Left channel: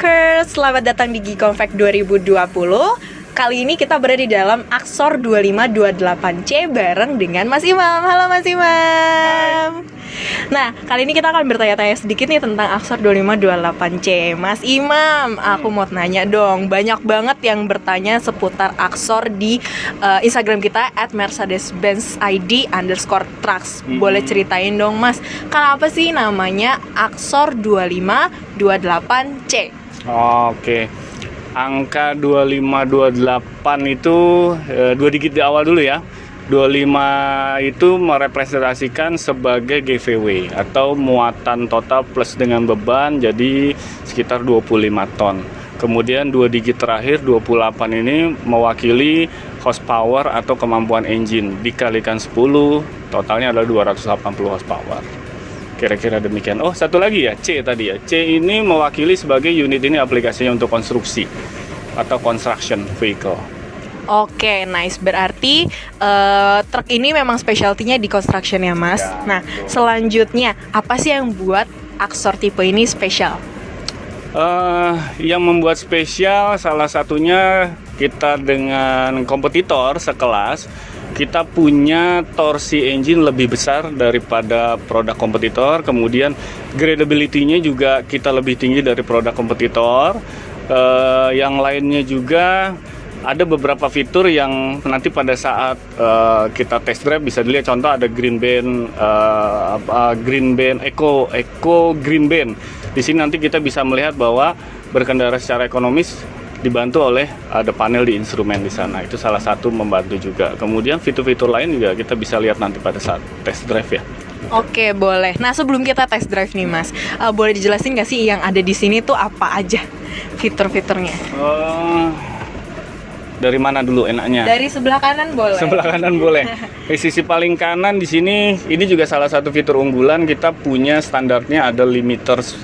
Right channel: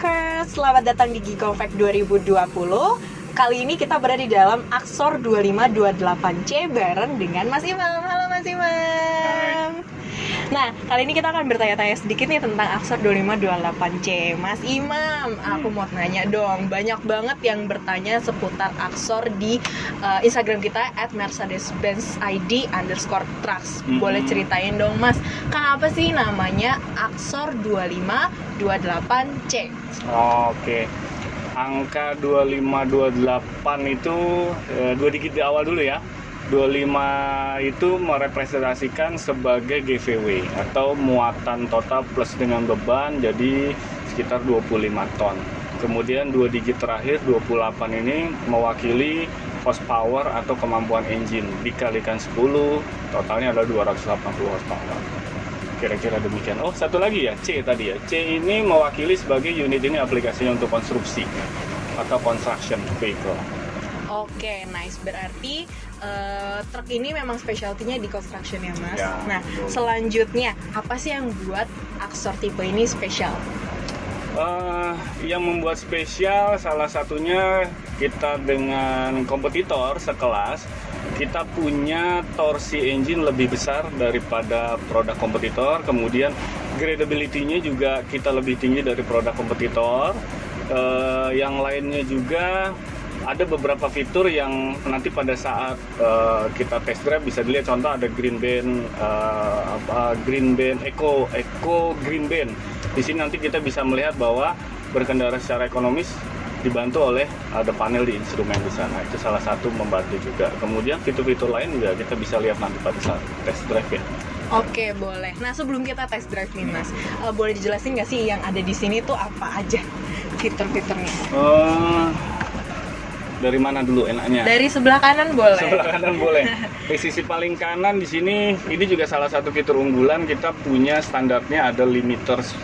Trackers, selamat datang di Giconfact 2020. Kali ini kita berada di dalam Axor 2528C bareng dengan Mas Imam. Halo Mas Imam. Nah, kali ini kita akan bertanya-tanya sedikit nih tentang Axor 2528C. Mas Imam, aku mau nanya dong. Banyak banget yang bertanya seputar Axor di Instagram kita @mercedes-benz_id_trucks. Boleh ceritain dong Mas, kenapa sih namanya Axor 2528C? Oke. Angka 2528 itu dua digit di awal dulu ya. 25 itu merepresentasikan sebagai GVW atau muatan total plus dengan beban, jadi sekitar 25 ton. Kemudian dua digit terakhir 28 ini mewakili horsepower atau kemampuan engine, dikalikan 10 totalnya adalah 280 horsepower. Kira-kira demikian. Oh, satu lagi ya, C tadi ya. C ini mewakili sebagai unit ini aplikasinya untuk konstruksi atau construction vehicle. Oke, nice. Berarti truk ini memang specialty-nya di construction ya, Mas. Ya, nah, betul. selanjutnya apa sih yang buat Axor tipe ini spesial? Yang membuat spesial salah satunya kita dengan kompetitor sekelas, kita punya torsi engine lebih besar daripada produk kompetitor. Kemudian gradability-nya juga kita lebih tinggi dari produk kompetitor. Yang lainnya juga ada beberapa fitur yang nanti pada saat kita test drive bisa dilihat. Contoh ada Green Band Eco Green Band. Di sini nanti kita bisa melihat bahwa berkendara secara ekonomis dibantu oleh ada panel di instrumen di sana. Itu salah satu membantu juga. Kemudian fitur-fitur lain juga kita bisa lihat nanti pada saat test drive ya. Oke, boleh. Nah, sebelum kita test drive nih, Mas, boleh dijelasin nggak sih yang ada di sini tuh apa aja fitur-fiturnya? Dari mana dulu enaknya? Dari sebelah kanan boleh. Sebelah kanan boleh. Di sisi paling kanan di sini, ini juga salah satu fitur unggulan. Kita punya standarnya ada limiters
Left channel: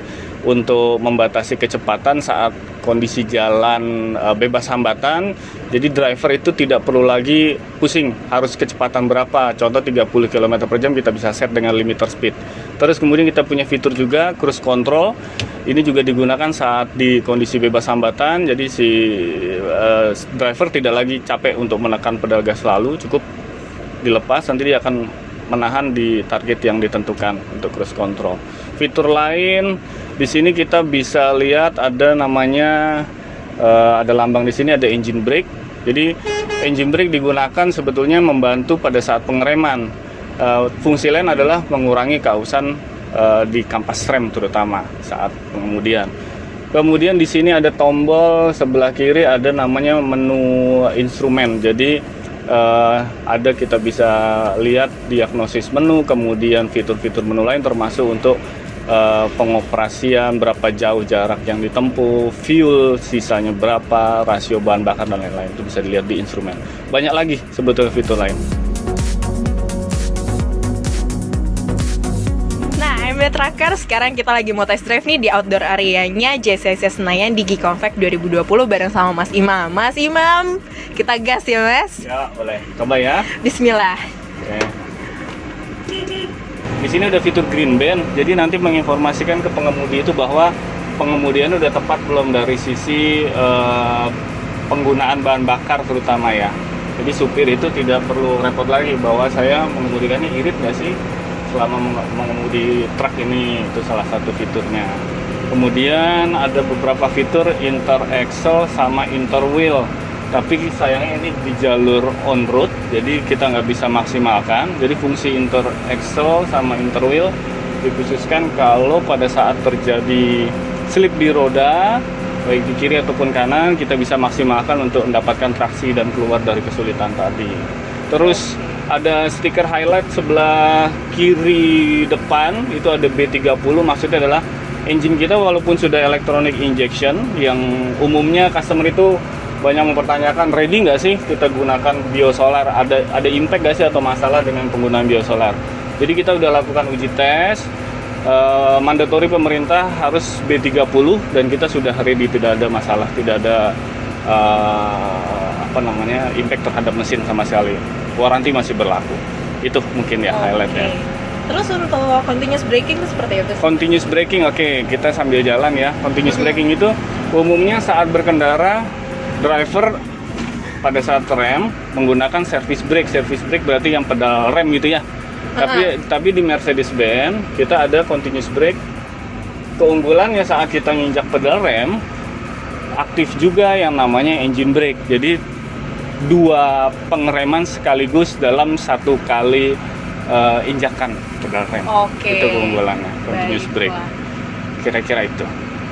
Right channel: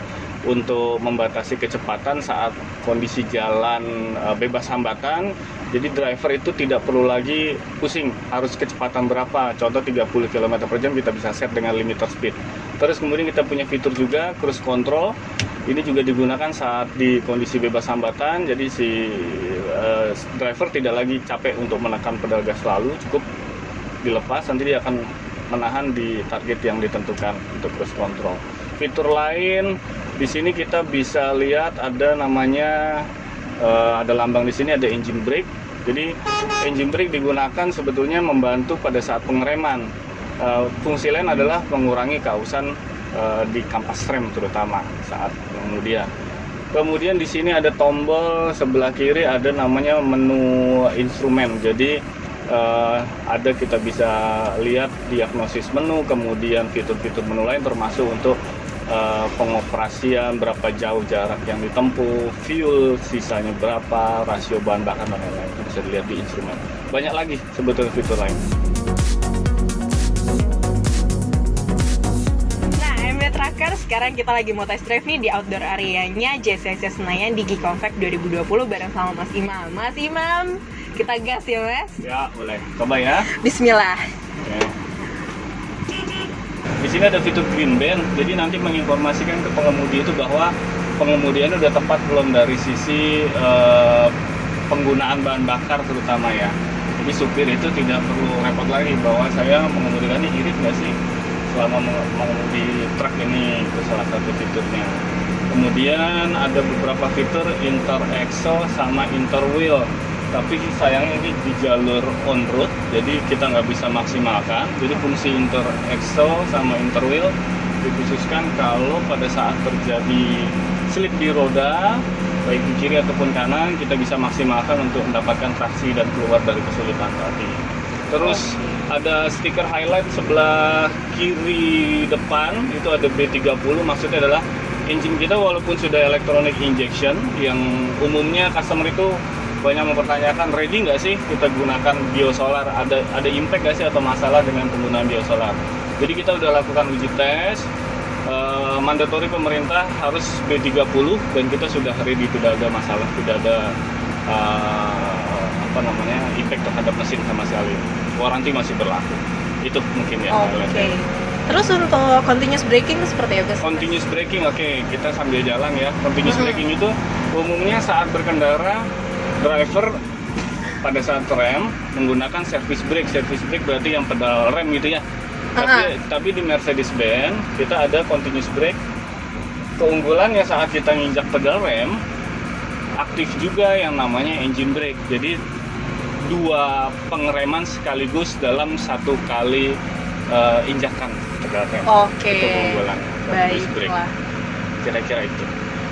untuk membatasi kecepatan saat kondisi jalan bebas hambatan. Jadi driver itu tidak perlu lagi pusing harus kecepatan berapa. Contoh 30 km per jam kita bisa set dengan limiter speed. Terus kemudian kita punya fitur juga cruise control. Ini juga digunakan saat di kondisi bebas hambatan. Jadi si driver tidak lagi capek untuk menekan pedal gas lalu, cukup dilepas nanti dia akan menahan di target yang ditentukan untuk cruise control. Fitur lain di sini kita bisa lihat ada namanya ada lambang di sini, ada engine brake. Jadi engine brake digunakan sebetulnya membantu pada saat pengereman. Fungsi lain adalah mengurangi kausan di kampas rem terutama saat pengemudian. Kemudian di sini ada tombol sebelah kiri, ada namanya menu instrumen. Jadi ada kita bisa lihat diagnosis menu, kemudian fitur-fitur menu lain termasuk untuk pengoperasian, berapa jauh jarak yang ditempuh, fuel sisanya berapa, rasio bahan bakar dan lain-lain. Itu bisa dilihat di instrumen. Banyak lagi sebetulnya fitur lain. Tracker, sekarang kita lagi mau test drive nih di outdoor areanya JCC Senayan di Giconfact 2020 bareng sama Mas Imam. Mas Imam, kita gas ya Mas? Ya, boleh. Coba ya. Bismillah. Oke. Di sini ada fitur Green Band, jadi nanti menginformasikan ke pengemudi itu bahwa pengemudiannya udah tepat belum dari sisi penggunaan bahan bakar terutama ya. Jadi supir itu tidak perlu repot lagi bahwa saya mengemudikan ini irit nggak sih selama mengemudi truk ini. Itu salah satu fiturnya. Kemudian ada beberapa fitur inter axle sama inter wheel, tapi sayangnya ini di jalur on road jadi kita nggak bisa maksimalkan. Jadi fungsi inter axle sama inter wheel dikhususkan kalau pada saat terjadi slip di roda baik di kiri ataupun kanan, kita bisa maksimalkan untuk mendapatkan traksi dan keluar dari kesulitan tadi. Terus ada stiker highlight sebelah kiri depan, itu ada B30, maksudnya adalah engine kita walaupun sudah electronic injection, yang umumnya customer itu banyak mempertanyakan ready nggak sih kita gunakan biosolar, ada impact nggak sih atau masalah dengan penggunaan biosolar. Jadi kita udah lakukan uji tes, mandatory pemerintah harus B30 dan kita sudah ready, tidak ada masalah, tidak ada impact terhadap mesin sama sekali. Waranti masih berlaku. Itu mungkin ya highlightnya. Terus untuk continuous braking itu seperti apa? Continuous braking, oke, kita sambil jalan ya. Continuous braking itu Umumnya saat berkendara, driver pada saat rem menggunakan service brake. Service brake berarti yang pedal rem gitu ya. Tapi di Mercedes-Benz kita ada continuous brake. Keunggulannya saat kita nginjak pedal rem, aktif juga yang namanya engine brake. Jadi dua pengereman sekaligus dalam satu kali injakan pedal rem. Oke. Itu keunggulannya continuous brake. Baiklah. Kira-kira itu.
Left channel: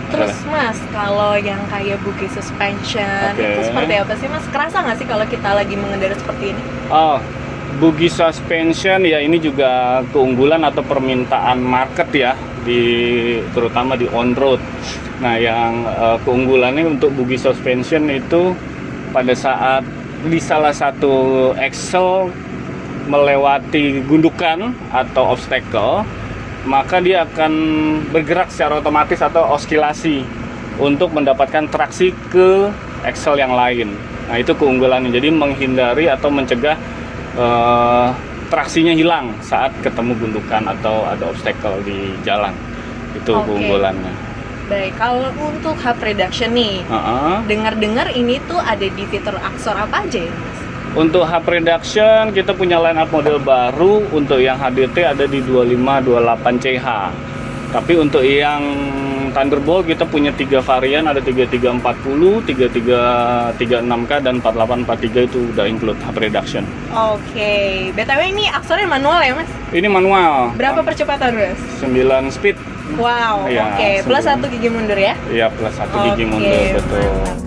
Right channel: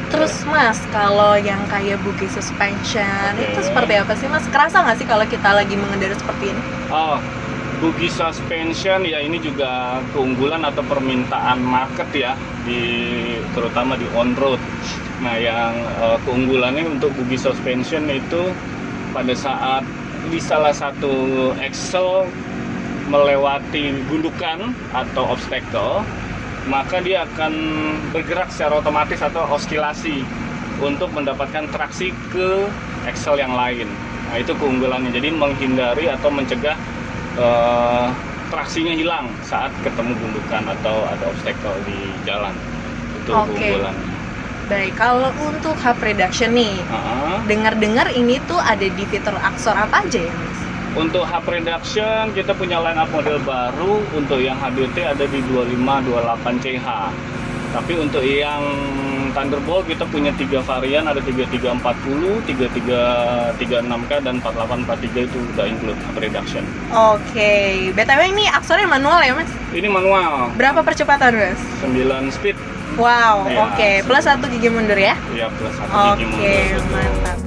Terus Mas, kalau yang kayak buggy suspension Oke. itu seperti apa sih Mas? Kerasa nggak sih kalau kita lagi mengendara seperti ini? Oh, buggy suspension ya ini juga keunggulan atau permintaan market ya, terutama di on road. Nah, yang keunggulannya untuk buggy suspension itu pada saat di salah satu axle melewati gundukan atau obstacle, maka dia akan bergerak secara otomatis atau oskilasi untuk mendapatkan traksi ke axle yang lain. Nah, itu keunggulannya. Jadi menghindari atau mencegah traksinya hilang saat ketemu gundukan atau ada obstacle di jalan. Itu Oke. keunggulannya. Baik, kalau untuk hub reduction nih, dengar-dengar ini tuh ada di fitur Axor apa aja ya Mas? Untuk hub reduction kita punya line up model baru. Untuk yang HDT ada di 2528CH. Tapi untuk yang Thunderbolt kita punya 3 varian, ada 3340, 3336K dan 4843 itu udah include hub reduction. Oke, BTW ini Axornya manual ya Mas? Ini manual. Berapa percepatan Mas? 9 speed. Wow, Iya, oke. Plus 1 gigi mundur ya? Iya, plus 1 Oke, gigi mundur. Betul. mantap.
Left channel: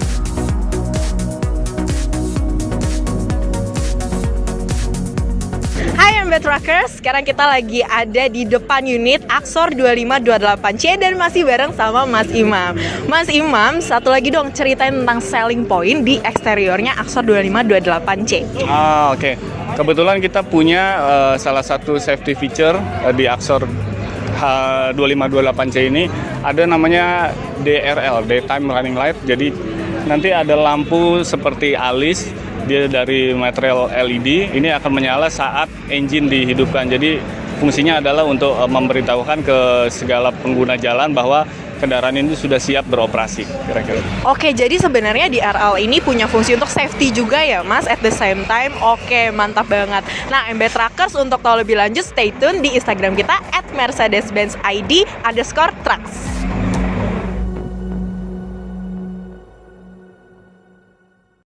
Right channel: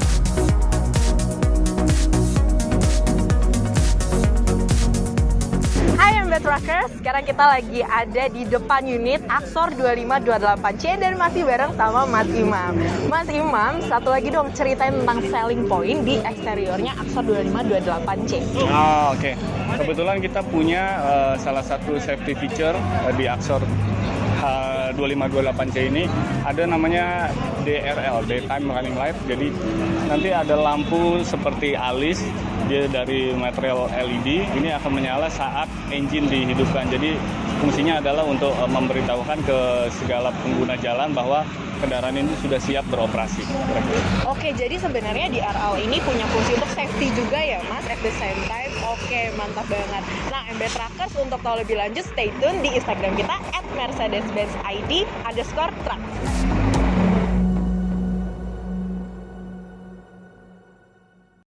Hai Mbak Truckers, sekarang kita lagi ada di depan unit Axor 2528C dan masih bareng sama Mas Imam. Mas Imam, satu lagi dong ceritain tentang selling point di eksteriornya Axor 2528C. Oke. Kebetulan kita punya salah satu safety feature di Axor 2528C ini ada namanya DRL, Daytime Running Light. Jadi nanti ada lampu seperti alis, dia dari material LED, ini akan menyala saat engine dihidupkan. Jadi fungsinya adalah untuk memberitahukan ke segala pengguna jalan bahwa kendaraan ini sudah siap beroperasi, kira-kira. Oke, jadi sebenarnya DRL ini punya fungsi untuk safety juga ya Mas, at the same time. Oke, mantap banget. Nah, MB Truckers untuk tahu lebih lanjut stay tune di Instagram kita @mercedes-benz id_trucks.